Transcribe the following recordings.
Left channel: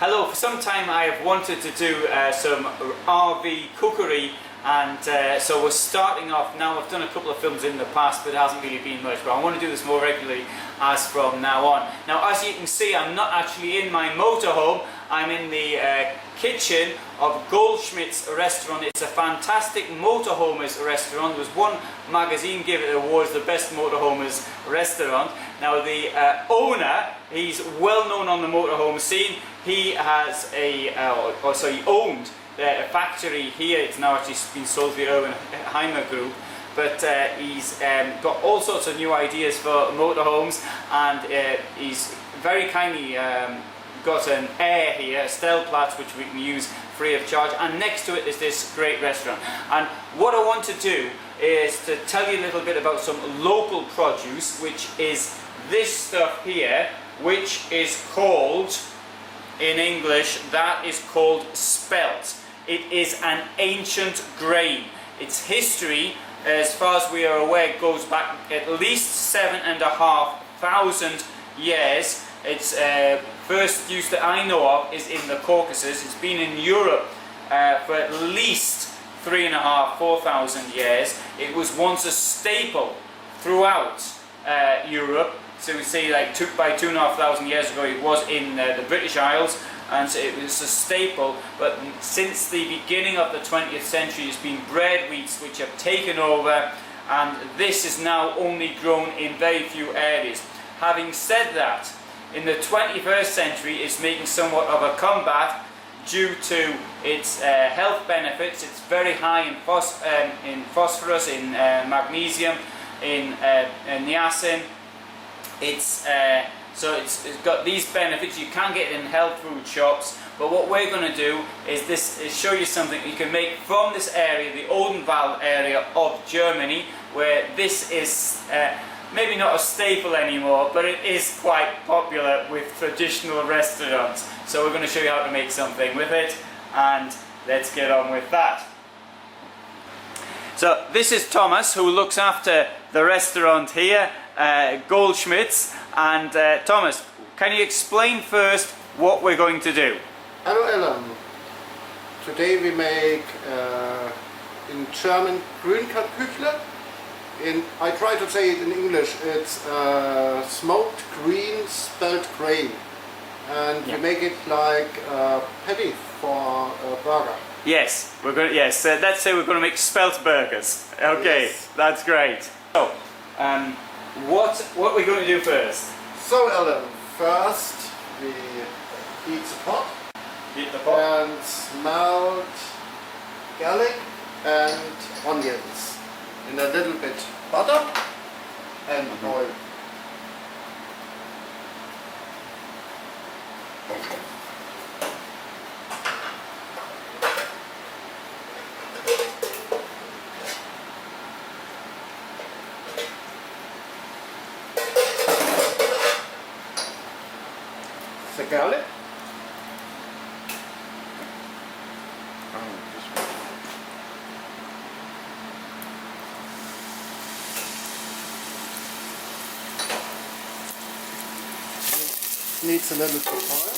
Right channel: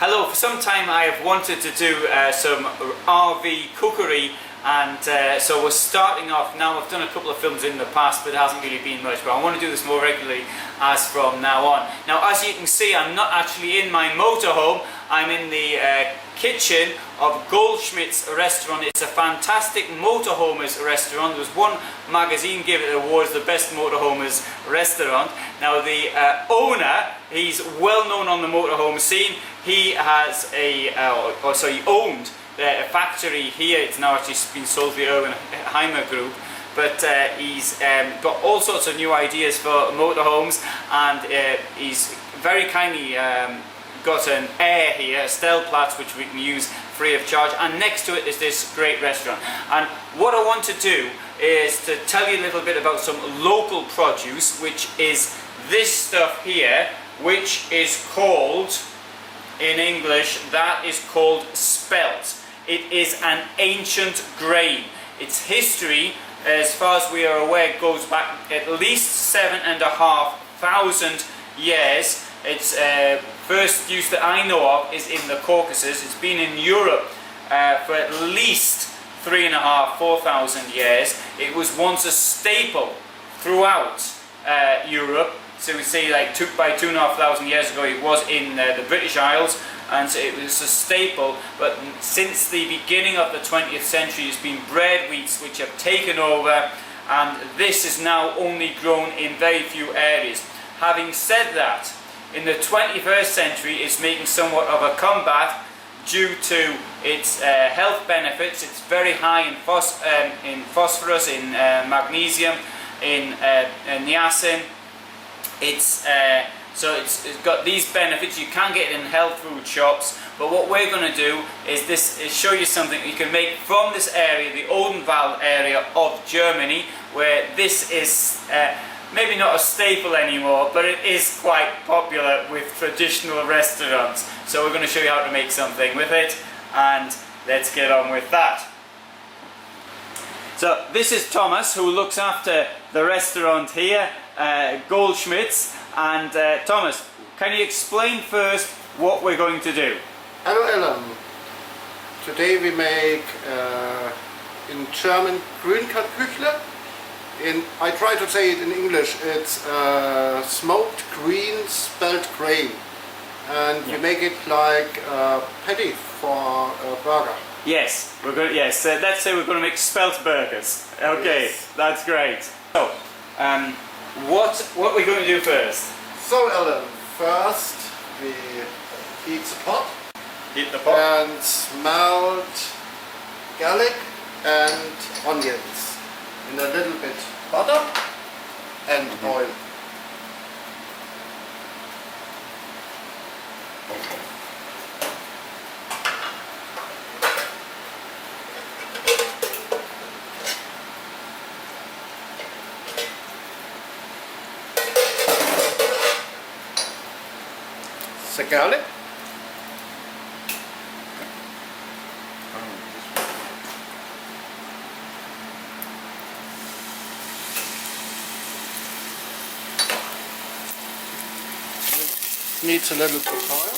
Hello, for some time I have wanted to do some RV cookery, and so we're starting off now. I've done a couple of films in the past, but it hasn't really been much, but I want to do this more regularly as from now on. Now, as you can see, I'm not actually in my motorhome. I'm in the kitchen of Goldschmidt's restaurant. It's a fantastic motorhomers restaurant. There was one magazine gave it an award as the best motorhomers restaurant. Now the owner, he's well known on the motorhome scene. He has he owned a factory here. It's now actually been sold to the Erwin Group. But he's got all sorts of new ideas for motorhomes, and he's very kindly got an air here, a Spelt, which we can use free of charge, and next to it is this great restaurant. And what I want to do is to tell you a little bit about some local produce, which is this stuff here, which is called, in English, that is called Spelt. It is an ancient grain. Its history, as far as we are aware, goes back at least 7,500 years. Its first use that I know of is in the Caucasus. It's been in Europe for at least 3,500–4,000 years. It was once a staple throughout Europe. So we say like by 2,500 years ago it was in the British Isles, and so it was a staple. But since the beginning of the 20th century it's been bread wheats which have taken over, and this is now only grown in very few areas. Having said that, in the 21st century it's making somewhat of a comeback due to its health benefits. It's very high in phosphorus, in magnesium, in niacin. It's got these benefits. You can get it in health food shops, but what we're going to do is show you something you can make from this area, the Odenwald area of Germany, where this is maybe not a staple anymore, but it is quite popular with traditional restaurants. So we're going to show you how to make something with it, and let's get on with that. So this is Thomas, who looks after the restaurant here, Goldschmidt's. And Thomas, can you explain first what we're going to do? Hello Alan. Today we make in German Grünkartoffeln. I try to say it in English. It's smoked green spelt grain, and we make it like a patty for a burger. Yes, we're going. Yes, let's say we're going to make spelt burgers. Okay, yes. That's great. So, what are we going to do first? So, Alan, first we heat the pot. Heat the pot. And smelt garlic and onions in a little bit butter and oil. The garlic. Needs a little bit of oil.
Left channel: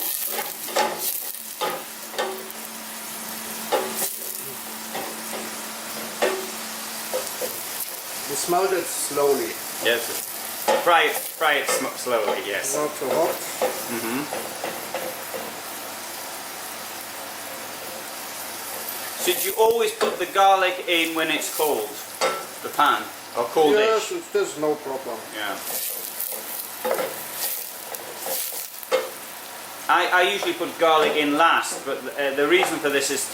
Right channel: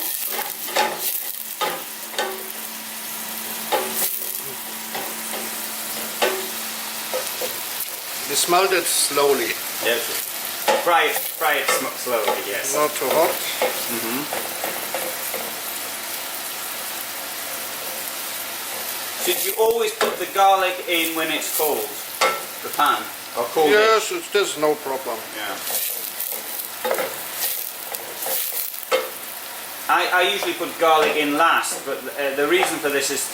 We smelt it slowly. Yes. Fry it slowly, yes. Not too hot. Should you always put the garlic in when it's cold? The pan? Or cold? Yes, there's no problem. Yeah. I usually put garlic in last, but the reason for this is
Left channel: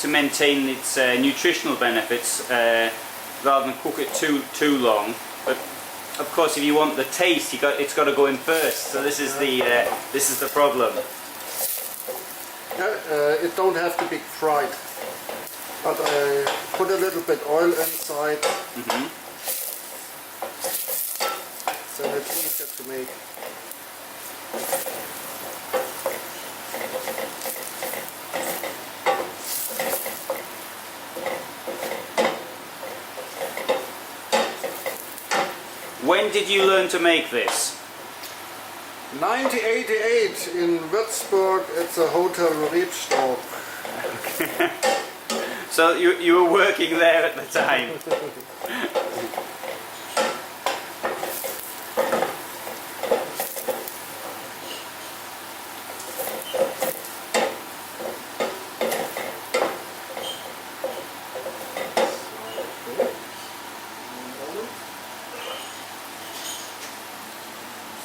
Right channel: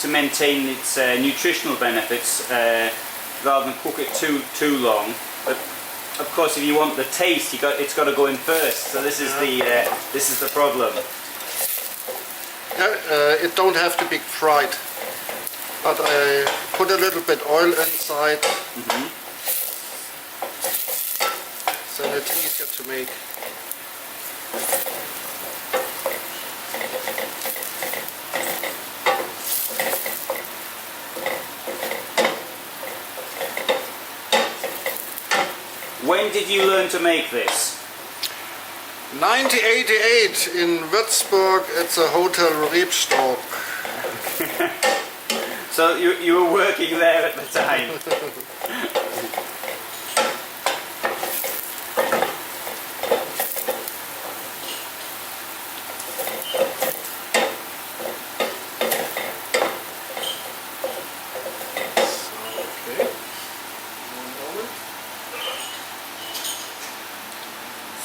to maintain its nutritional benefits rather than cook it too long. But of course, if you want the taste, it's got to go in first. So this is the problem. It don't have to be fried, but I put a little bit oil inside, so it's easier to make. When did you learn to make this? 1988 in Würzburg at the Hotel Rebstock. So you were working there at the time.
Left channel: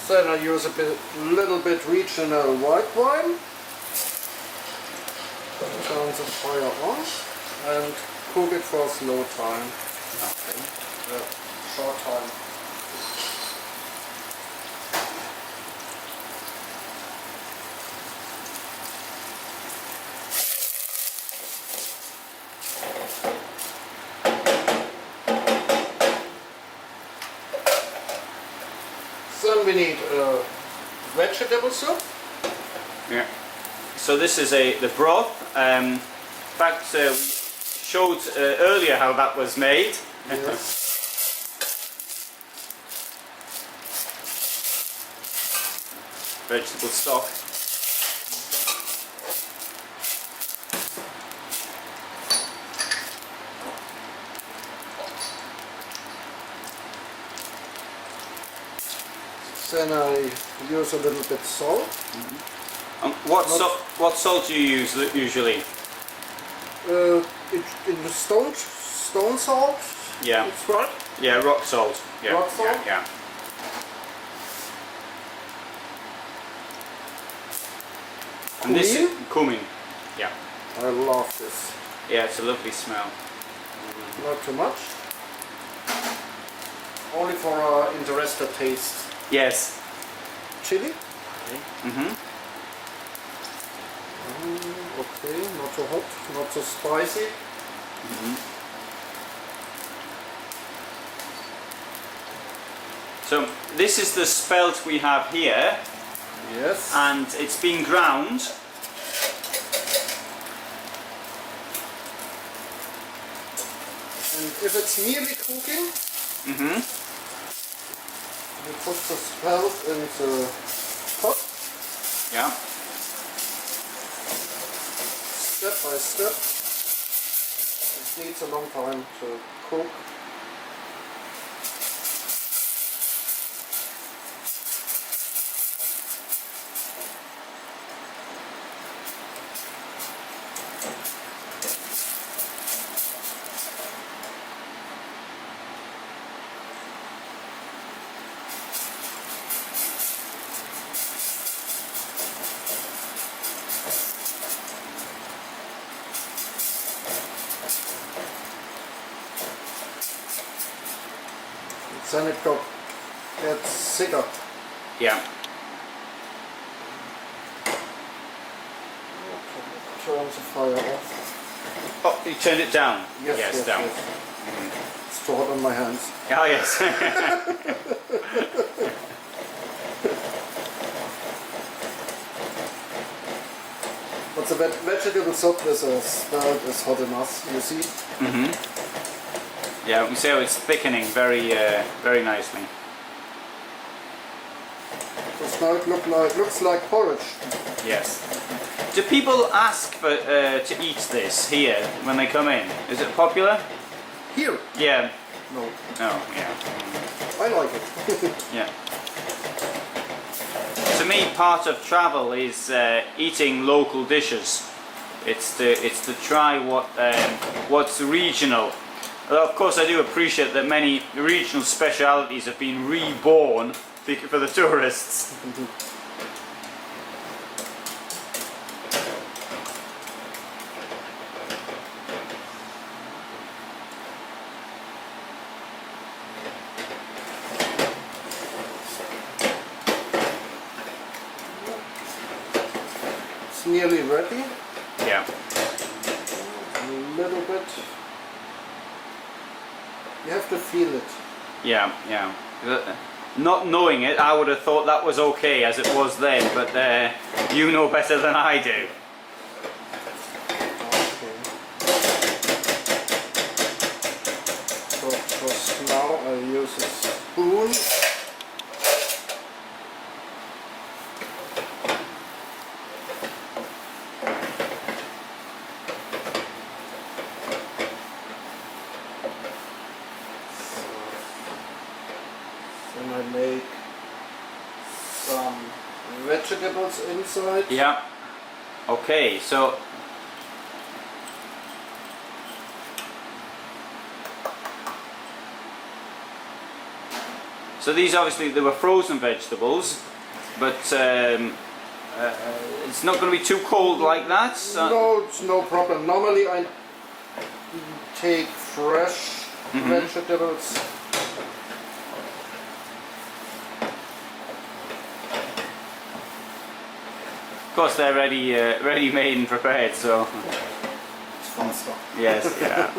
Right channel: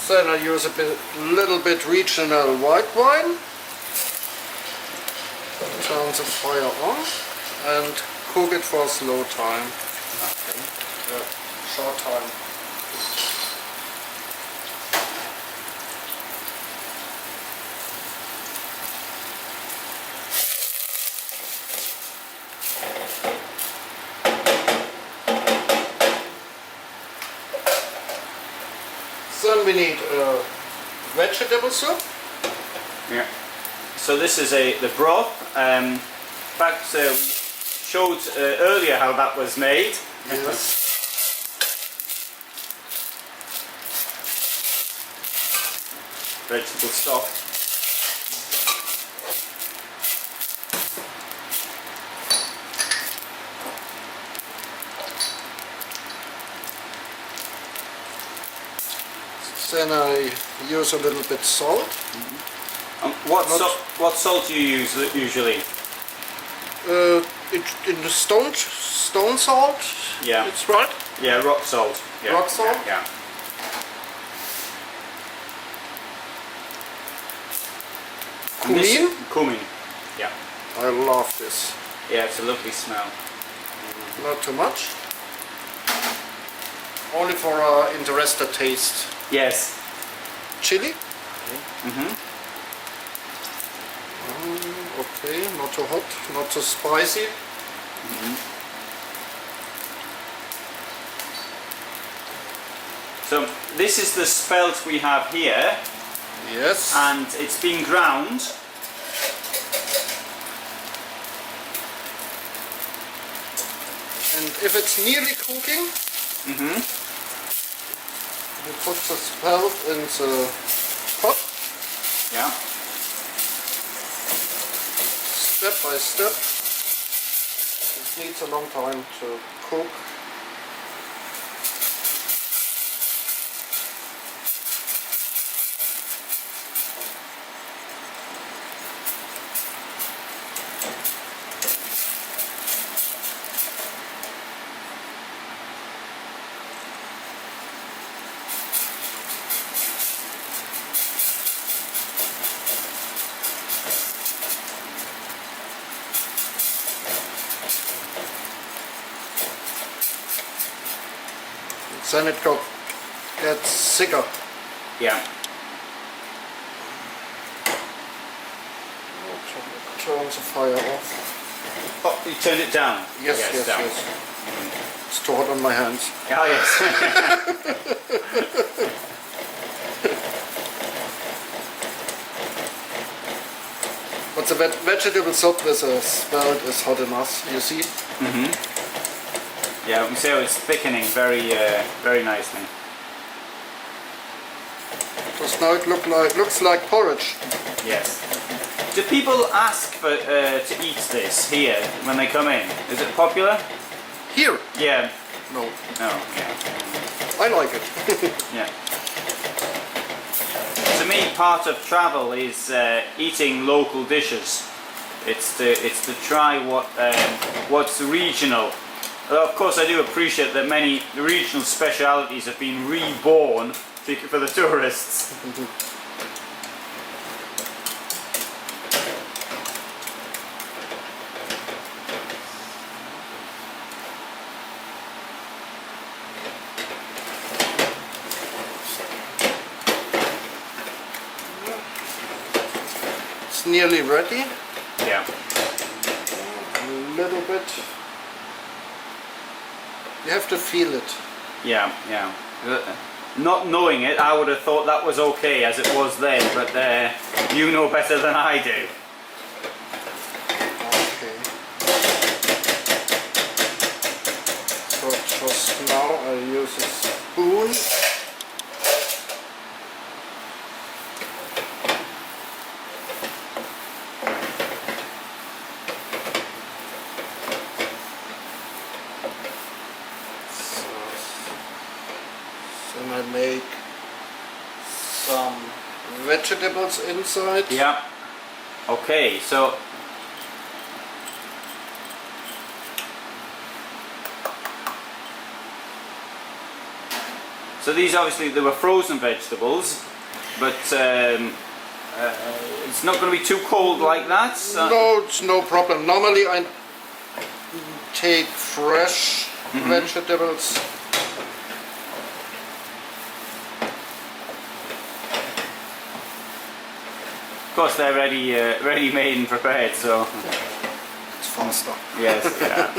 Then I use a little bit regional white wine. Turn the fire on and cook it for a slow time. Okay. Short time. Then we need vegetable soup. Yeah. So this is the broth. In fact, we showed earlier how that was made. Yes. Vegetable stock. Then I use a little bit salt. What salt do you use usually? In the stone salt. Yeah. It's right. Yeah, rock salt. Yeah. Rock salt? Yeah. Cumin. Cumin. Yeah. I love this. Yeah, it's a lovely smell. Not too much. Only for interested taste. Yes. Chili. Mhm. Okay, not too hot, not too spicy. So this is the spelt we have here, Yes. and it's been ground. And if it's nearly cooking, we put the spelt in the pot, Yeah. step by step. It needs a long time to cook. Then it gets thicker. Yeah. Turn the fire off. Oh, you turned it down. Yes, yes, yes, down. yes. It's too hot on my hands. Oh yes. But the vegetable soup with a spelt is hot enough, you see? Yeah, we see how it's thickening very nicely. Just now it looks like porridge. Yes. Do people ask for to eat this here when they come in? Is it popular? Here? Yeah. No. Oh, yeah. I like it. Yeah. To me, part of travel is eating local dishes. It's to try what's regional. Although of course I do appreciate that many regional specialities have been reborn for the tourists. It's nearly ready. Yeah. A little bit. You have to feel it. Yeah, yeah. Not knowing it, I would have thought that was okay as it was then, but you know better than I do. Okay. So just now I use a spoon. vegetables inside. Yeah. Okay, so these obviously they were frozen vegetables, but it's not going to be too cold like that. So. No, it's no problem. Normally I take fresh vegetables. Of course, they're ready made and prepared, so It's faster. yes, yeah.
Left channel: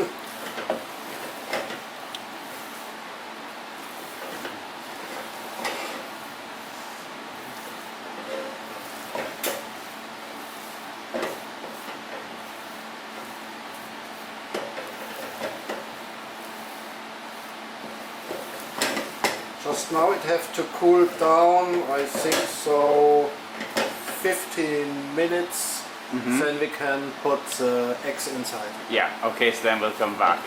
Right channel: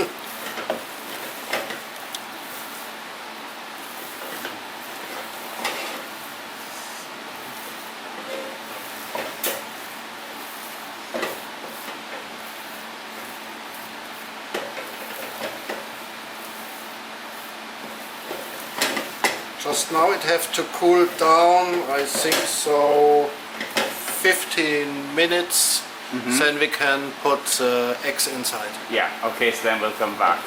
Just now it have to cool down, I think so 15 minutes, then we can put eggs inside. Yeah, okay, so then we'll come back.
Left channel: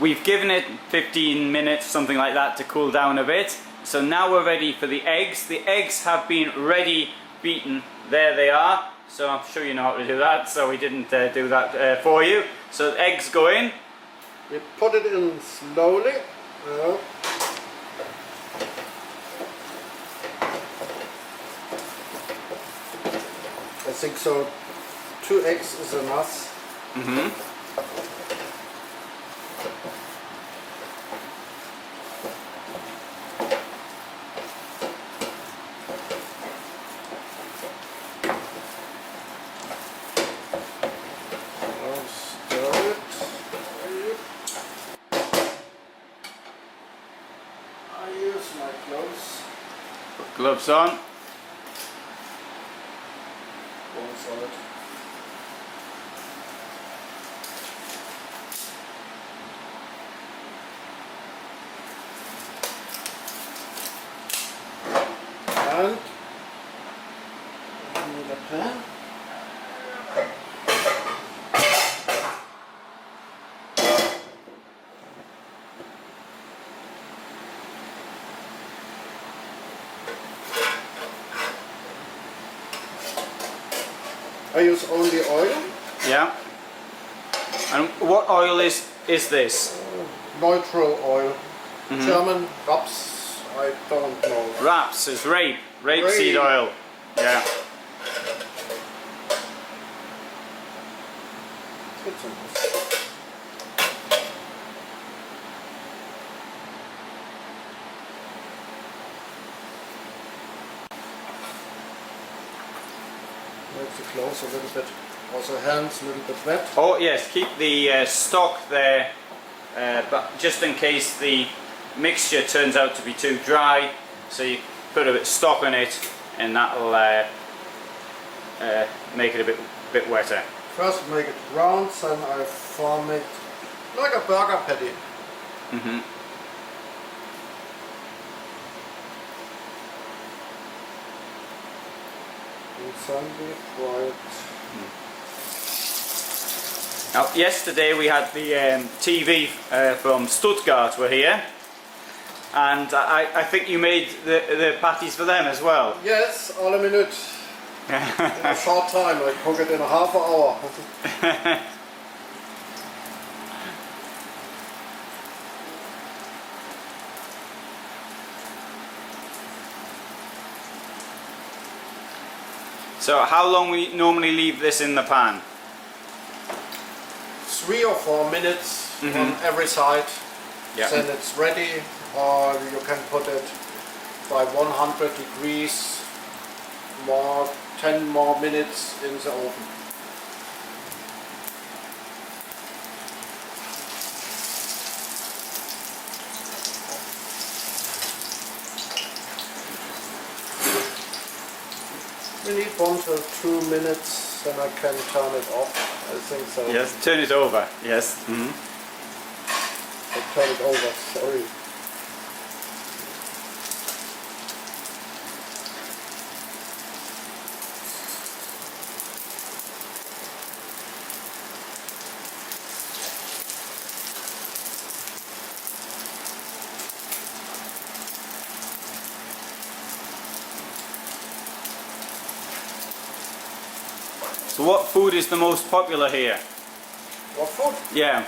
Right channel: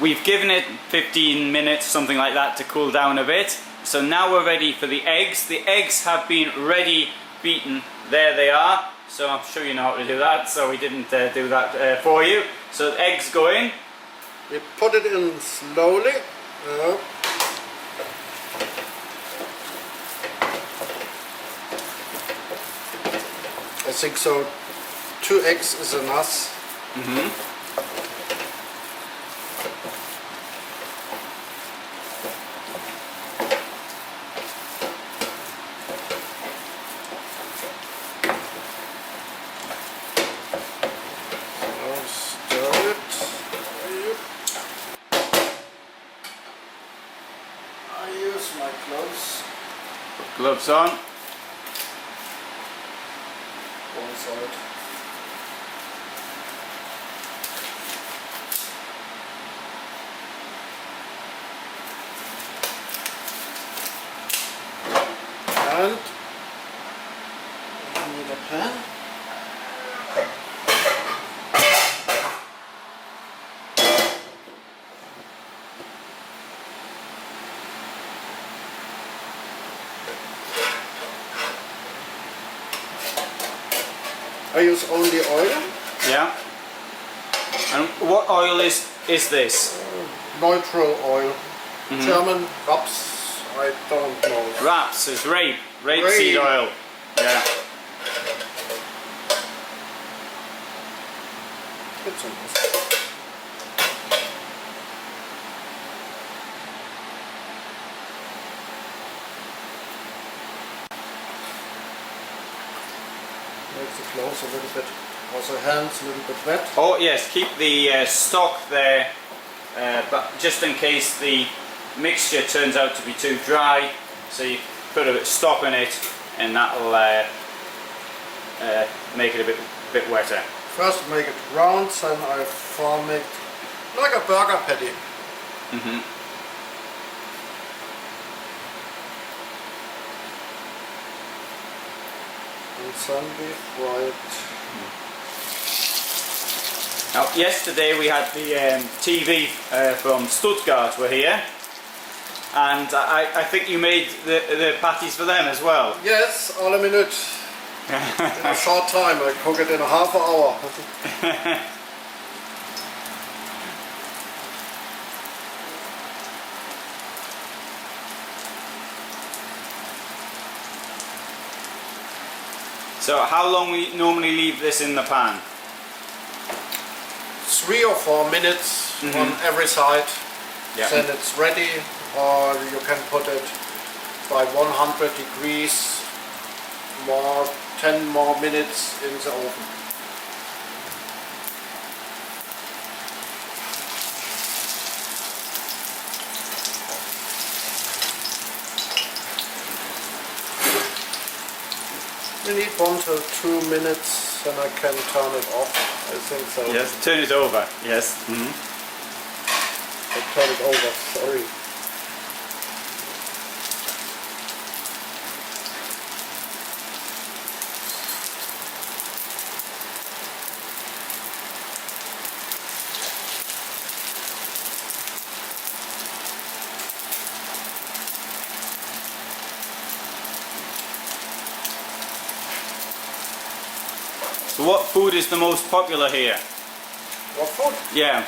We've given it 15 minutes, something like that, to cool down a bit. So now we're ready for the eggs. The eggs have been ready beaten. There they are. So I'm sure you know how to do that, so we didn't do that for you. So the eggs go in. We put it in slowly. I think so 2 eggs is enough. Gloves on. One side. And I need a pan. I use only oil. Yeah. And what oil is this? Neutral oil. German raps, I don't know. Raps is rapeseed oil. Yeah. It's enough. Makes the clothes a little bit, also hands a little bit wet. Oh yes, keep the stock there, but just in case the mixture turns out to be too dry, so you put a bit of stock in it, and that'll make it a bit wetter. First make it round, then I form it like a burger patty. And then we fry it. Now, yesterday we had the TV from Stuttgart were here, and I think you made the patties for them as well. Yes, alle Minute. In a short time, I cook it in a half an hour. So how long we normally leave this in the pan? 3 or 4 minutes on every side. Yeah. Then it's ready, or you can put it by 100 degrees, 10 more minutes in the oven. We need 1 to 2 minutes, then I can turn it off. I think so. Yes, turn it over. Yes. I turn it over, sorry. So what food is the most popular here? What food? Yeah.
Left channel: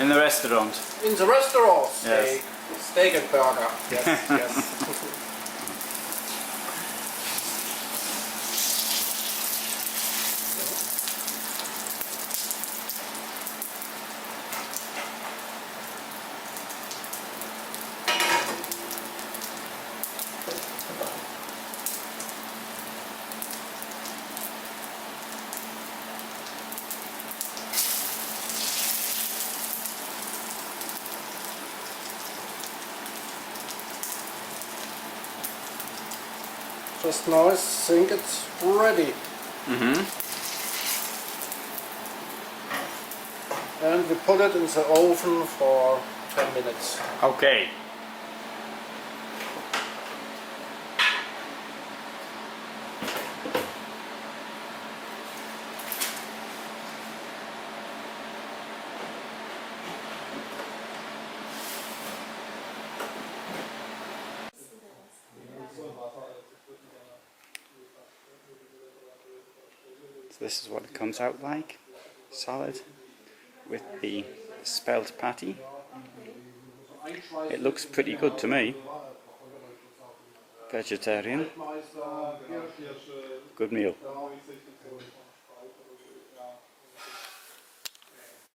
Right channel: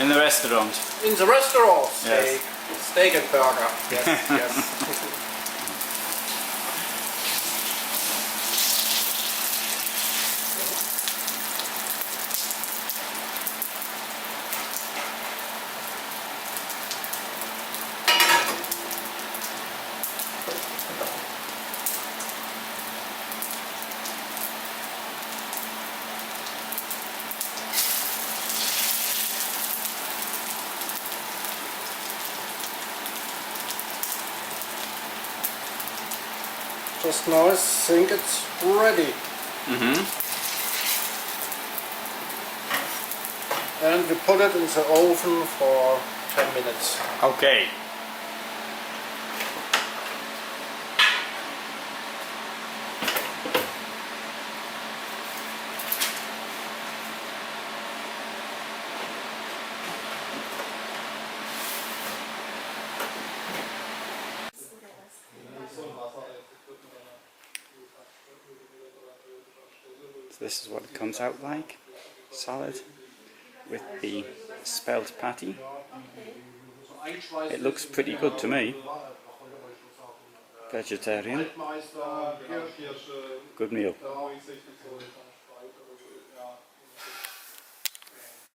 In the restaurant. In the restaurant, Yes. steak and burger. Yes, yes. Just now I think it's ready. And we put it in the oven for 10 minutes. Okay. So this is what it comes out like. Salad with the spelt patty. It looks pretty good to me. Vegetarian. Good meal.